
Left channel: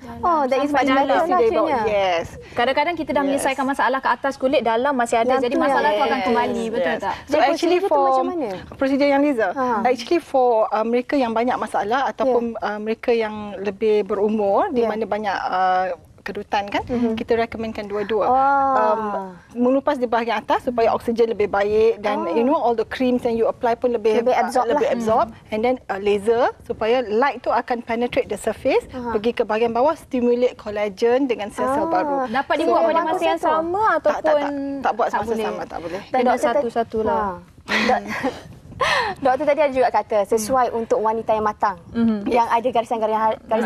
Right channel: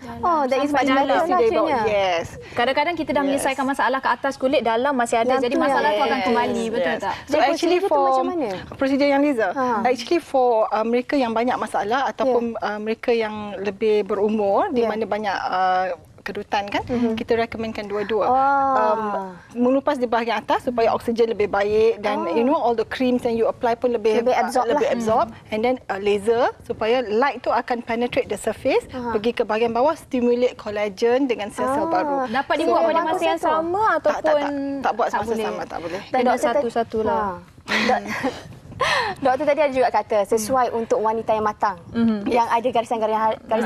That is dari bawah. Yes. Kadang-kadang kita dah menyelesaikan masalah ke atas kulit, dalam masih ada. Jadi masalah tu akan kembali, betul tak? So actually for prosedur yang laser, actually for mereka yang banyak masalah ataupun mereka yang lebih berumur di mana banyak kerutan kan, kita rekomenkan dua-dua. Mengelupas di bahagian atas supaya oksigen lebih baik, dan all the creams yang you apply pun lebih absorb, and then laser supaya light tu akan penetrate the surface, pergi ke bahagian bawah, stimulate collagen dengan sel-sel baru. Dapat dibuat pada masa yang sama ataupun tak buat masa sama, tak boleh. Kena satu-satu lah. Doktor tadi ada juga kata sesuai untuk wanita yang matang, yang ada garisan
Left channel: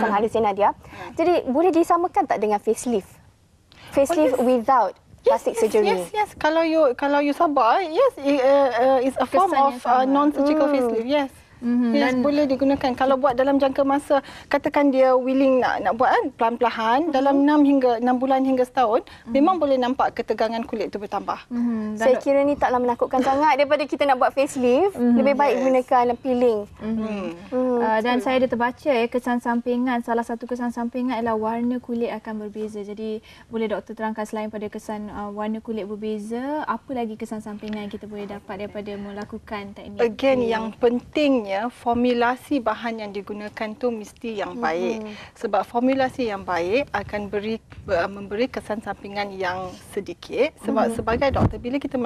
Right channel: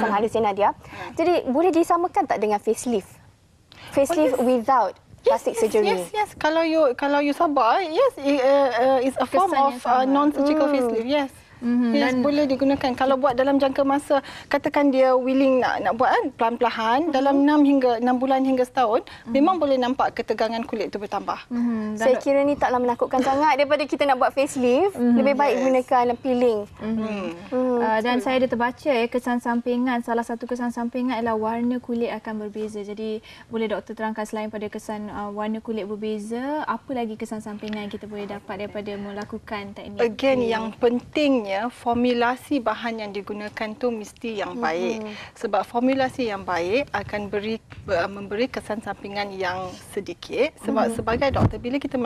halus yang Nadia. Jadi boleh disamakan tak dengan facelift? Facelift without plastic surgery. Yes. Kalau you sabar, yes, it's a form of non-surgical facelift. Yes. Yes, boleh digunakan. Kalau buat dalam jangka masa, katakan dia willing nak buat pelan-pelan, dalam 6 bulan hingga setahun, memang boleh nampak ketegangan kulit itu bertambah. Saya kira ni taklah menakutkan sangat daripada kita nak buat facelift. Lebih baik gunakan peeling. Dan saya ada terbaca kesan sampingan, salah satu kesan sampingan adalah warna kulit akan berbeza. Jadi boleh doktor terangkan selain pada kesan warna kulit berbeza, apa lagi kesan sampingan yang kita boleh dapat daripada melakukan teknik? Again, yang pentingnya formulasi bahan yang digunakan tu mesti yang baik. Sebab formulasi yang baik akan memberi kesan sampingan yang sedikit. Sebab sebagai doktor, bila kita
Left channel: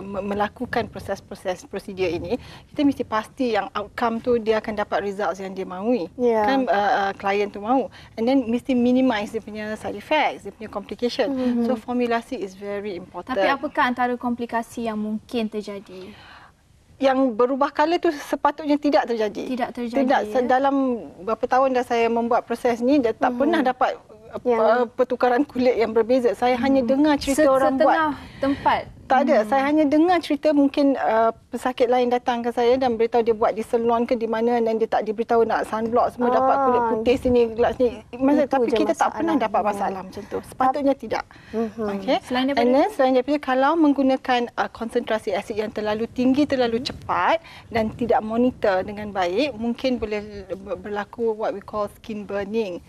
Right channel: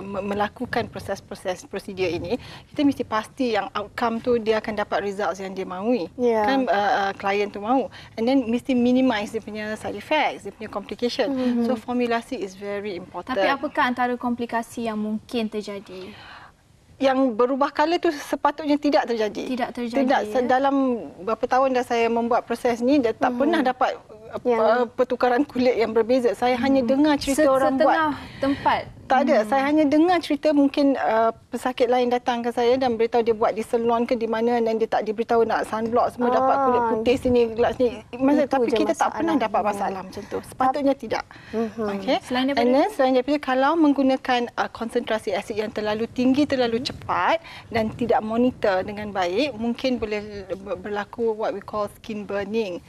melakukan proses-proses prosedur ini, kita mesti pasti yang outcome tu dia akan dapat results yang dia mahui. Kan klien tu mahu. And then mesti minimize dia punya side effects, dia punya complication. So formulasi is very important. Tapi apakah antara komplikasi yang mungkin terjadi? Yang berubah color tu sepatutnya tidak terjadi. Tidak. Dalam berapa tahun dah saya membuat proses ni, dia tak pernah dapat pertukaran kulit yang berbeza. Saya hanya dengar cerita orang buat. Setengah tempat. Tak ada. Saya hanya dengar cerita mungkin pesakit lain datang ke saya dan beritahu dia buat di salon ke di mana dan dia tak diberitahu nak sunblock semua dapat kulit putih sini, gelap sini. Tapi kita tak pernah dapat masalah macam tu. Sepatutnya tidak. Okay. Selain daripada kalau menggunakan konsentrasi asid yang terlalu tinggi, terlalu cepat dan tidak monitor dengan baik, mungkin boleh berlaku what we call skin burning.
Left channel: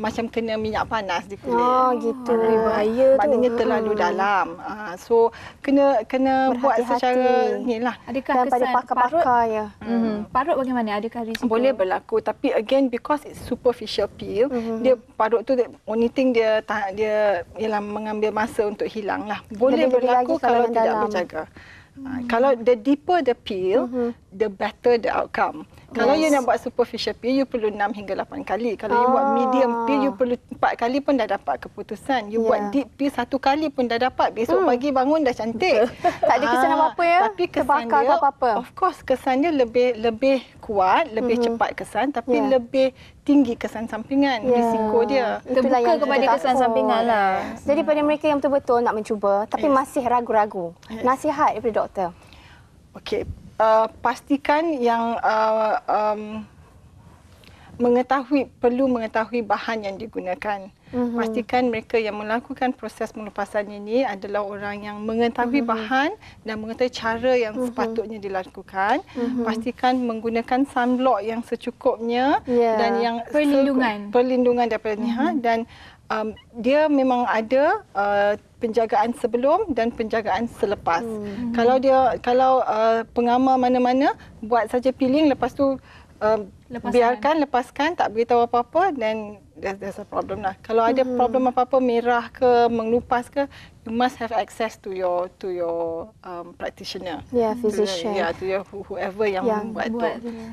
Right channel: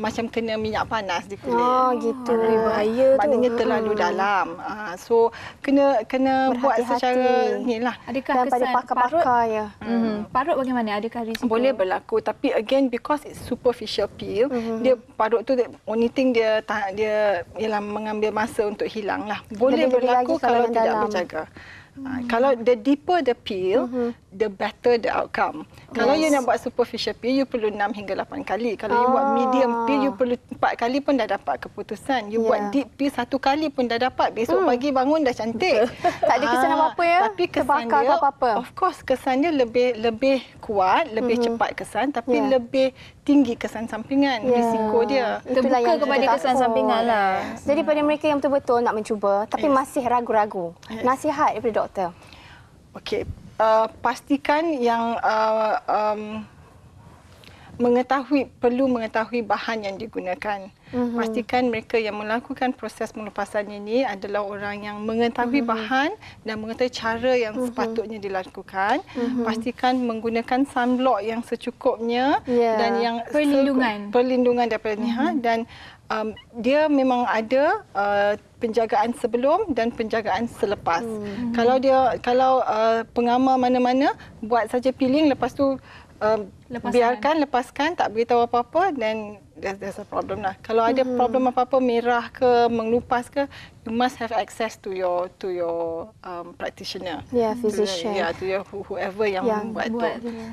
Macam kena minyak panas di kulit. Gitu. Bahaya tu. Maknanya terlalu dalam. So kena buat secara inilah. Adakah pada pakar-pakar ya. Parut bagaimana? Adakah risiko? Boleh berlaku, tapi again because it's superficial peel, dia parut tu only thing dia ialah mengambil masa untuk hilang lah. Boleh berlaku kalau tidak berjaga. Kalau the deeper the peel, the better the outcome. Kalau you nak buat superficial peel, you perlu 6 hingga 8 kali. Kalau you buat medium peel, you perlu 4 kali pun dah dapat keputusan. You buat deep peel 1 kali pun dah dapat. Besok pagi bangun dah cantik. Tak ada kesan apa-apa ya? Tapi kesan dia, of course kesan dia lebih kuat, lebih cepat kesan, tapi lebih tinggi kesan sampingan. Risiko dia terbuka kepada kesan sampingan lah. Jadi pada mereka yang betul-betul nak mencuba tapi masih ragu-ragu, nasihat daripada doktor. Okey, pastikan yang perlu mengetahui bahan yang digunakan. Pastikan mereka yang melakukan proses pengelupasan ini adalah orang yang mengetahui bahan dan mengetahui cara yang sepatutnya dilakukan. Pastikan menggunakan sunblock yang secukupnya dan yang perlindungan daripada dan dia memang ada penjagaan sebelum dan penjagaan selepas. Kalau pengamal mana-mana buat saja peeling, lepas tu lepaskan, tak beritahu apa-apa, dan there's a problem lah. Kalau ada problem apa-apa, merah ke, mengelupas ke, you must have access to your practitioner. Physician. To your whoever yang buat tu.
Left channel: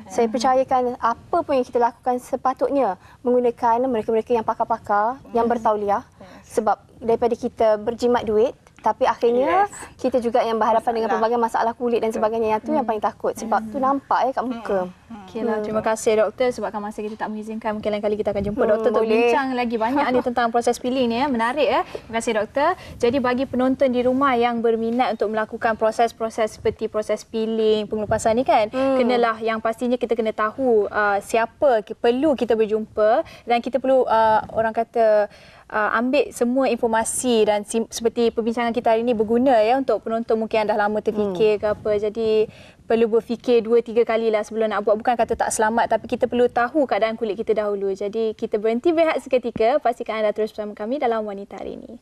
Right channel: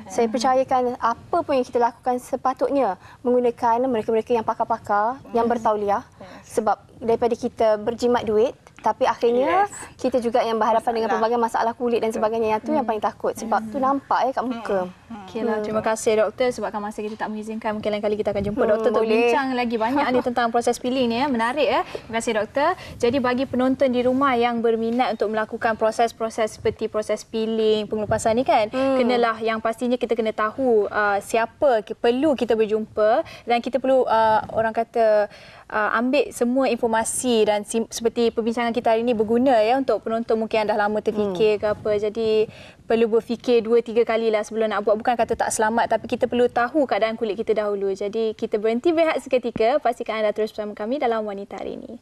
Saya percayakan apa pun yang kita lakukan sepatutnya menggunakan mereka-mereka yang pakar-pakar, yang bertauliah. Sebab daripada kita berjimat duit, tapi akhirnya kita juga yang berhadapan dengan pelbagai masalah kulit dan sebagainya. Yang tu yang paling takut. Sebab tu nampak kat muka. Okeylah, terima kasih doktor. Sebabkan masa kita tak mengizinkan, mungkin lain kali kita akan jumpa doktor untuk bincang lagi banyak ni tentang proses peeling ni. Menarik ya. Terima kasih doktor. Jadi bagi penonton di rumah yang berminat untuk melakukan proses-proses seperti proses peeling, pengelupasan ni kan, kenalah yang pastinya kita kena tahu siapa perlu kita berjumpa, dan kita perlu orang kata ambil semua informasi, dan seperti perbincangan kita hari ini berguna ya untuk penonton mungkin yang dah lama terfikir ke apa. Jadi perlu berfikir 2-3 kali lah sebelum nak buat. Bukan kata tak selamat, tapi kita perlu tahu keadaan kulit kita dahulu. Jadi kita berhenti berehat seketika. Pastikan anda terus bersama kami dalam Wanita Hari ini.